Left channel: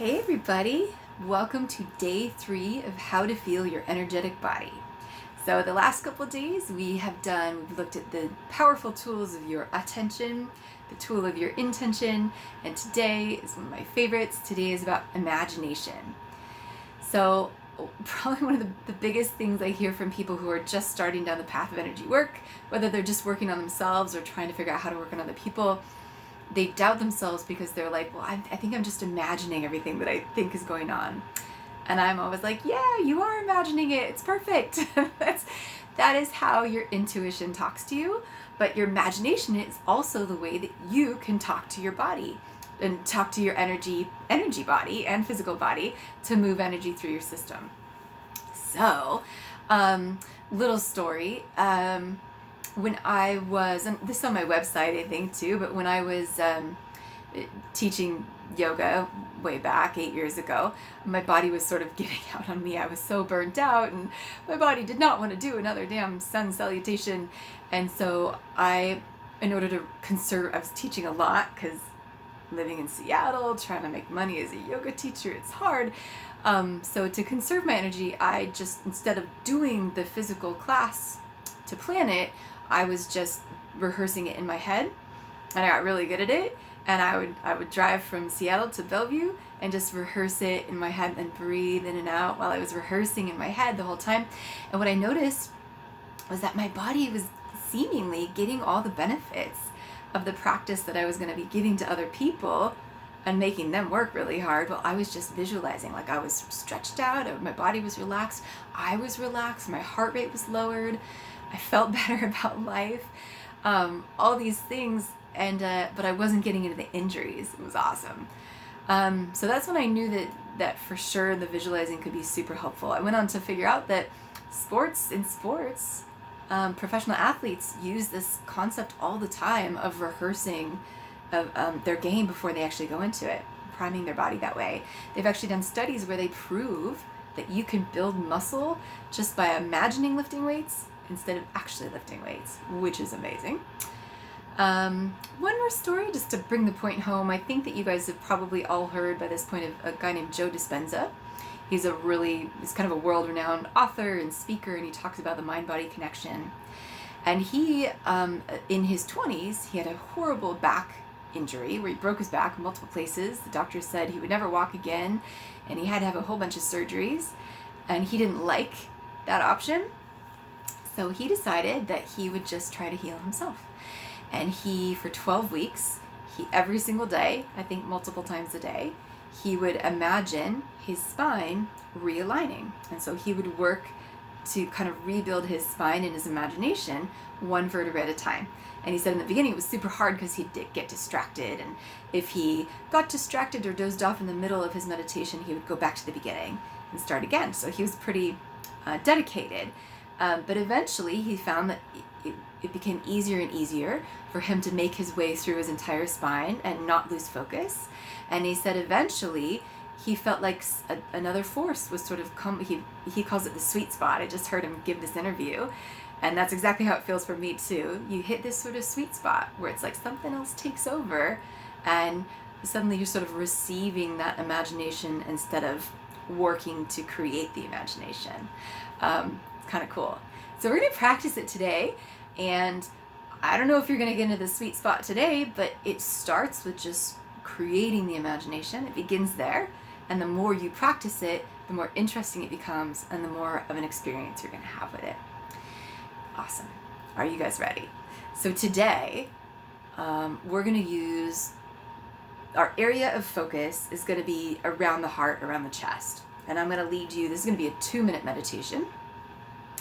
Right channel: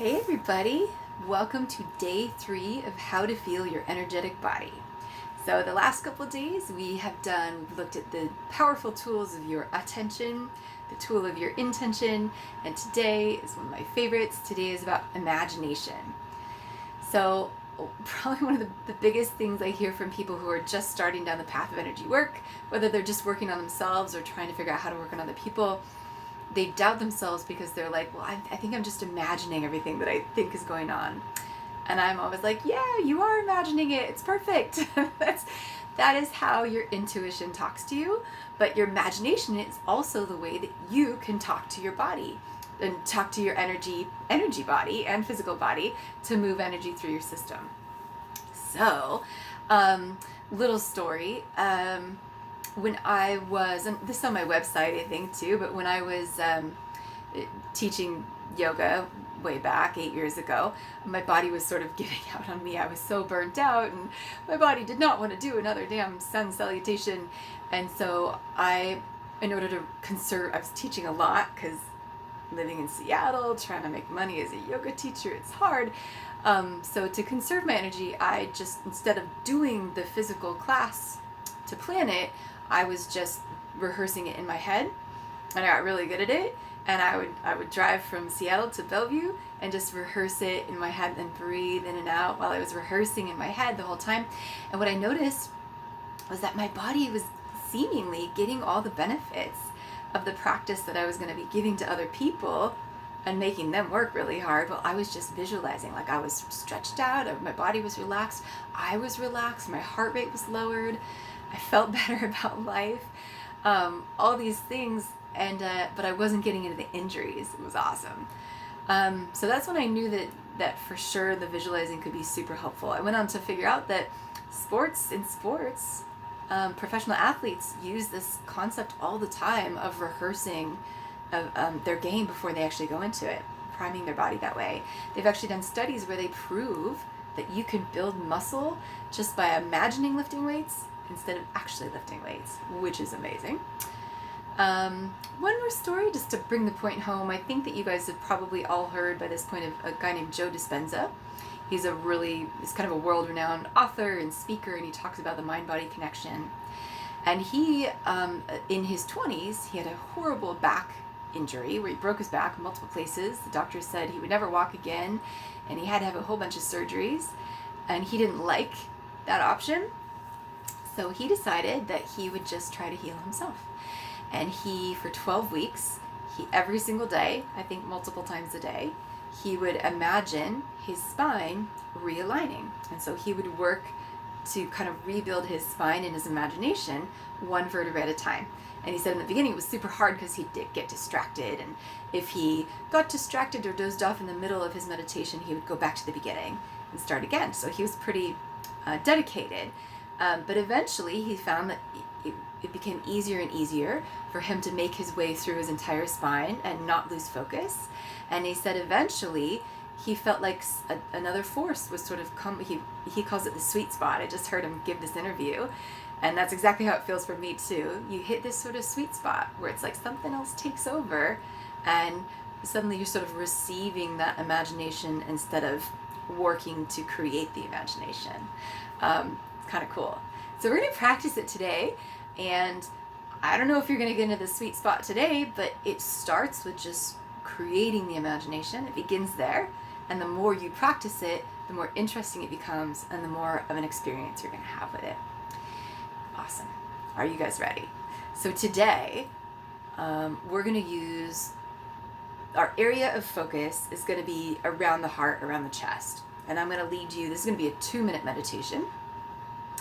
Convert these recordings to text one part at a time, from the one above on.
Hey everybody, welcome to day 3 of how to feel your energetic body. So the last couple of days we've looked at the powerful tools of your attention, the tool of your intention, and today is one of my favorites. Today is about imagination. So probably one of the biggest things I hear from people who are just starting down the path of energy work, whether they're just working on themselves or trying to figure out how to work on other people, they doubt themselves because they're like, well, I think I'm just imagining everything that I think is going on. And I'm always like, yeah, you are imagining it. It's perfect. That is how your intuition talks to you. But your imagination is also the way that you can talk to your body and talk to your energy body and physical body to move energy through your system. So, little story. When I was, and this is on my website, I think too, but when I was teaching yoga way back 8 years ago, my body was sort of giving out on me. I was so burnt out, and my body did not want to do another damn sun salutation. And so in order to conserve, I was teaching a lot because living in Seattle, trying to make money as a yoga teacher, it's hard. So to conserve my energy, I just, instead of doing the physical class to plan it, I was just rehearsing it in my head, and I got really good at it. And I would drive from Seattle to Bellevue and just rehearse it in my head and breathe in and out while I was rehearsing in my head the whole time. And what I noticed was that my body was seemingly getting all the benefits of the practice that I was going to be giving to other people and making them work really hard. Well, I was just visualizing, like I was stretched out, my body was relaxed, I was relaxed, my heart rate was lowered, I felt better about life, all these things, and but I wasn't getting into the injuries. It was awesome. So that's when I knew that for sure the visualizing could be super helpful. I went on to figure out that in sports, professional athletes use this concept all the time of rehearsing their game before they actually go into it, priming their body that way. They've actually done studies where they prove that you can build muscle just by imagining lifting weights instead of actually lifting weights, which is amazing. One more story just to bring the point home. I think that you guys have probably all heard by this point of a guy named Joe Dispenza. He's kind of a world-renowned author and speaker, and he talks about the mind-body connection. And he, in his 20s, he had a horrible back injury where he broke his back in multiple places. The doctor said he would never walk again, and he had to have a whole bunch of surgeries, and he didn't like that option. So he decided that he would just try to heal himself. And for 12 weeks, every single day, I think multiple times a day, he would imagine his spine realigning. And so he would work to kind of rebuild his spine in his imagination, one vertebra at a time. And he said in the beginning it was super hard because he did get distracted. And if he got distracted or dozed off in the middle of his meditation, he would go back to the beginning and start again. So he was pretty dedicated. But eventually he found that it became easier and easier for him to make his way through his entire spine and not lose focus. And he said eventually he felt like another force was sort of he calls it the sweet spot. I just heard him give this interview, and that's exactly how it feels for me too. You hit this sort of sweet spot where it's like something else takes over, and suddenly you're sort of receiving that imagination instead of working to create the imagination. It's kind of cool. So we're going to practice it today, and I don't know if you're going to get into the sweet spot today, but it starts with just creating the imagination. It begins there, and the more you practice it, the more interesting it becomes, and the more of an experience you're going to have with it. Awesome. Are you guys ready? So today, we're going to use, our area of focus is going to be around the heart, around the chest. And I'm going to lead you, this is going to be a 2-minute meditation,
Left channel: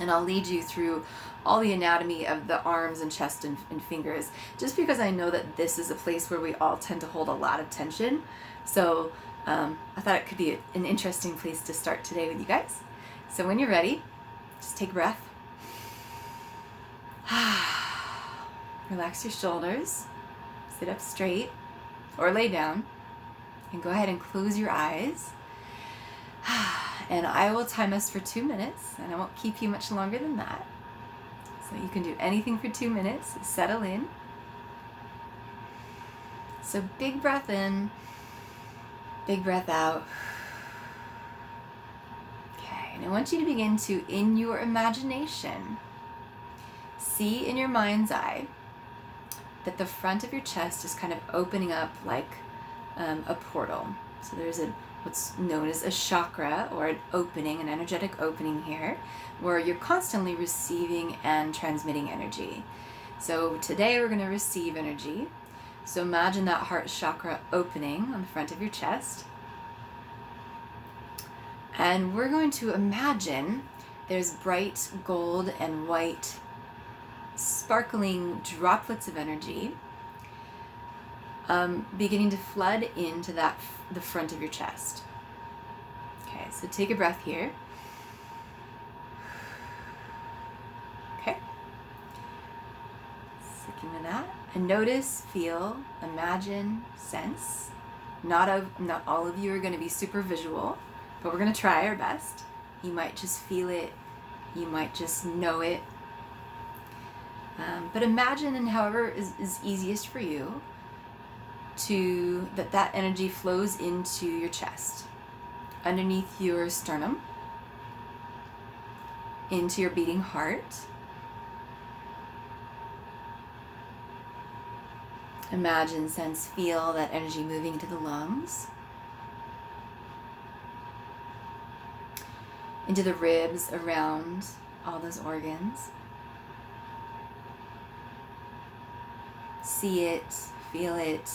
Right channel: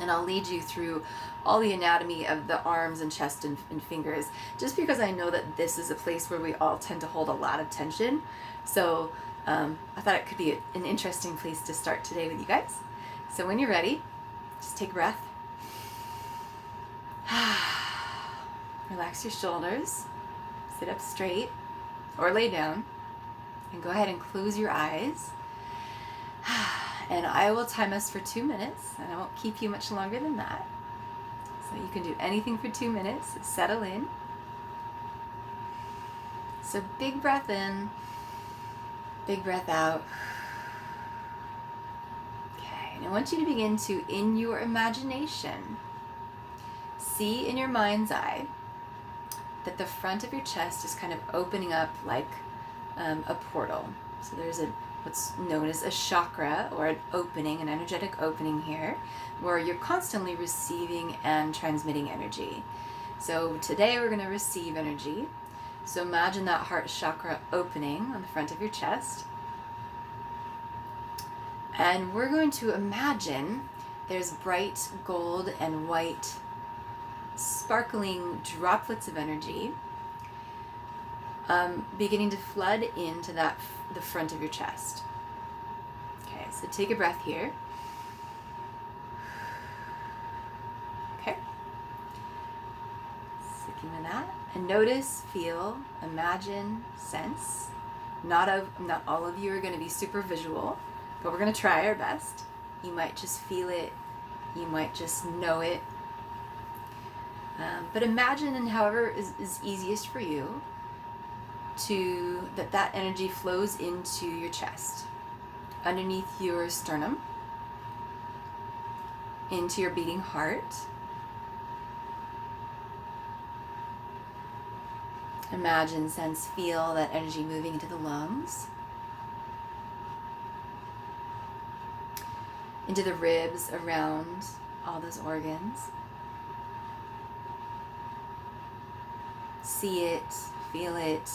and I'll lead you through all the anatomy of the arms and chest and fingers, just because I know that this is a place where we all tend to hold a lot of tension. So I thought it could be an interesting place to start today with you guys. So when you're ready, just take a breath. Relax your shoulders, sit up straight or lay down, and go ahead and close your eyes. And I will time us for 2 minutes, and I won't keep you much longer than that. So you can do anything for 2 minutes. Settle in. So big breath in. Big breath out. Okay, and I want you to begin to, in your imagination, see in your mind's eye that the front of your chest is kind of opening up like a portal. So there's what's known as a chakra, or an opening, an energetic opening here, where you're constantly receiving and transmitting energy. So today we're going to receive energy. So imagine that heart chakra opening on the front of your chest. And we're going to imagine there's bright gold and white sparkling droplets of energy beginning to flood into the front of your chest. Okay, so take a breath here. Okay. Sticking to that. And notice, feel, imagine, sense. Not all of you are going to be super visual, but we're going to try our best. You might just feel it. You might just know it. But imagine, and however is easiest for you, that energy flows into your chest, underneath your sternum, into your beating heart. Imagine, sense, feel that energy moving into the lungs, into the ribs around all those organs. See it, feel it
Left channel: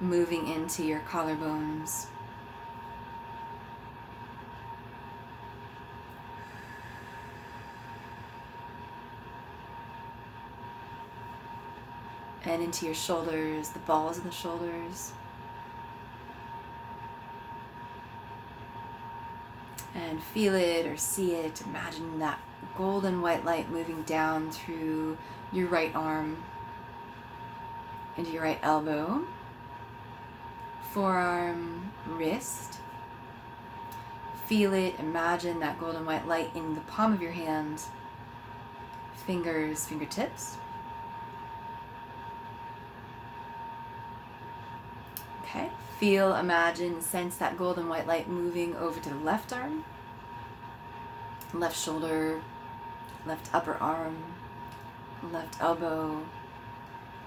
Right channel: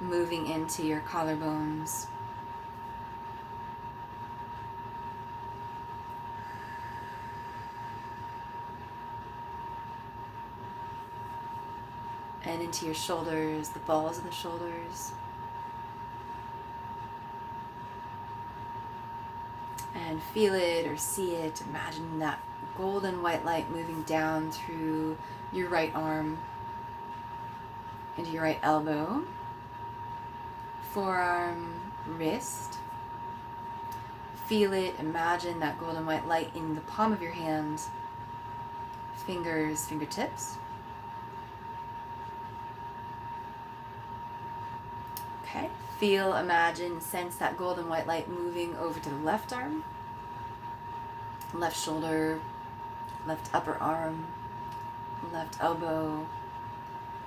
moving into your collarbones. And into your shoulders, the balls of the shoulders. And feel it or see it. Imagine that golden white light moving down through your right arm, into your right elbow, forearm, wrist. Feel it, imagine that golden white light in the palm of your hand, fingers, fingertips. Okay, feel, imagine, sense that golden white light moving over to the left arm, left shoulder, left upper arm, left elbow,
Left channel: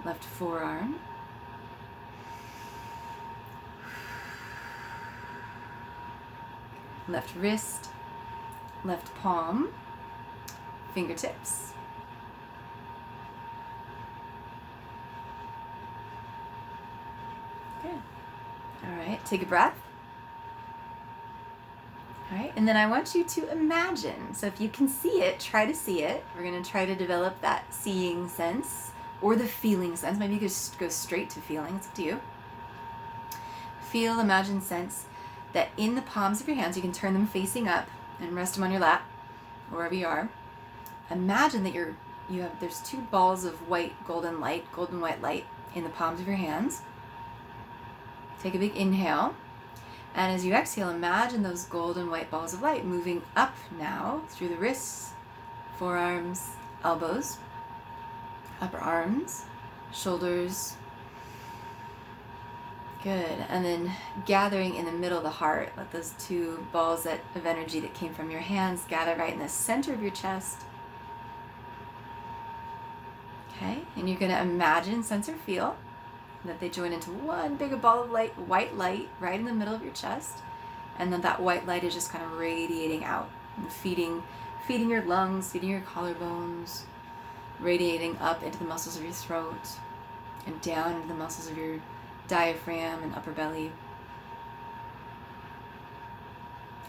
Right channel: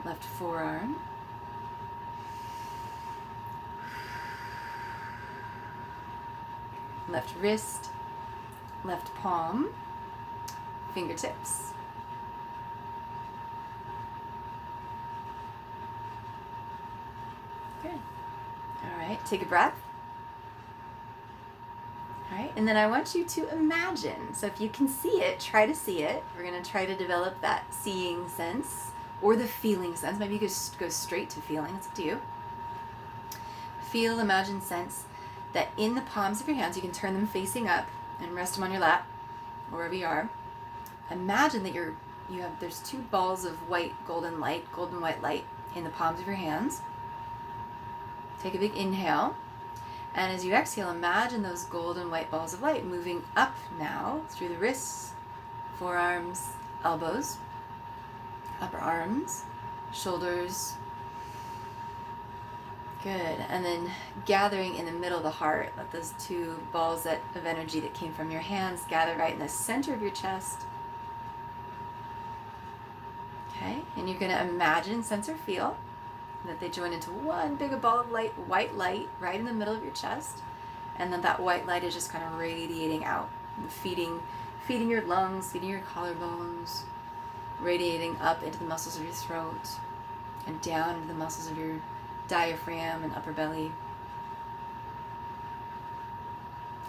left forearm. Left wrist, left palm, fingertips. Good. All right, take a breath. All right, and then I want you to imagine. So if you can see it, try to see it. We're going to try to develop that seeing sense or the feeling sense. Maybe you could go straight to feeling. It's up to you. Feel, imagine, sense that in the palms of your hands, you can turn them facing up and rest them on your lap, wherever you are. Imagine that there's two balls of golden white light in the palms of your hands. Take a big inhale. And as you exhale, imagine those golden white balls of light moving up now through the wrists, forearms, elbows, upper arms, shoulders. Good. And then gathering in the middle of the heart, let those two balls of energy that came from your hands gather right in the center of your chest. Okay. And you're going to imagine, sense, or feel that they join into one big ball of light, white light, right in the middle of your chest. And then that white light is just kind of radiating out and feeding your lungs, feeding your collarbones, radiating up into the muscles of your throat and down into the muscles of your diaphragm and upper belly.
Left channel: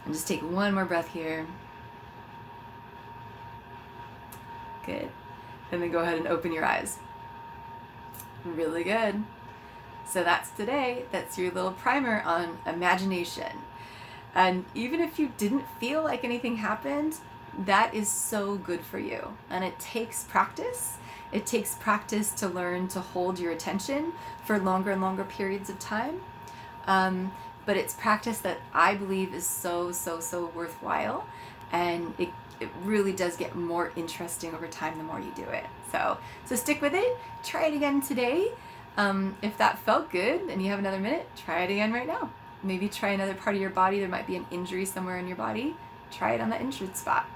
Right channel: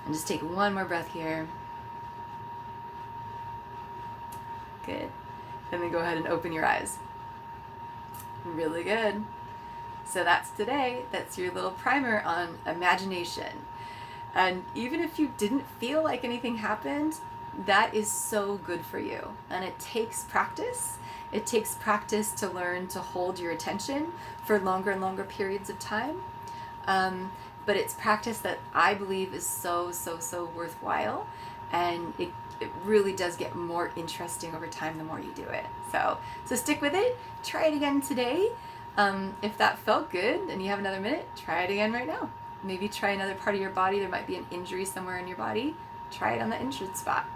And just take one more breath here. Good. And then go ahead and open your eyes. Really good. So that's today. That's your little primer on imagination. And even if you didn't feel like anything happened, that is so good for you. And it takes practice. It takes practice to learn to hold your attention for longer and longer periods of time. But it's practice that I believe is so worthwhile. And it really does get more interesting over time the more you do it. So stick with it. Try it again today. If that felt good and you have another minute, try it again right now. maybe try another part of your body. There might be an injury somewhere in your body. Try it on the injured spot.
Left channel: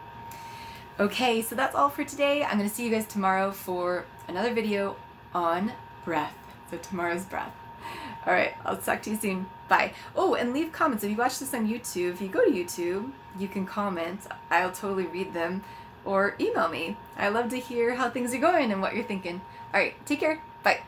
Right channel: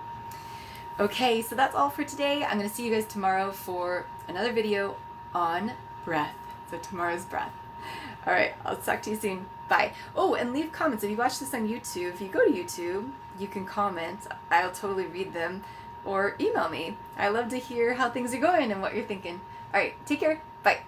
Okay, so that's all for today. I'm going to see you guys tomorrow for another video on breath. So tomorrow's breath. All right, I'll talk to you soon. Bye. Oh, and leave comments. If you watch this on YouTube, if you go to YouTube, you can comment. I'll totally read them. Or email me. I love to hear how things are going and what you're thinking. All right, take care. Bye.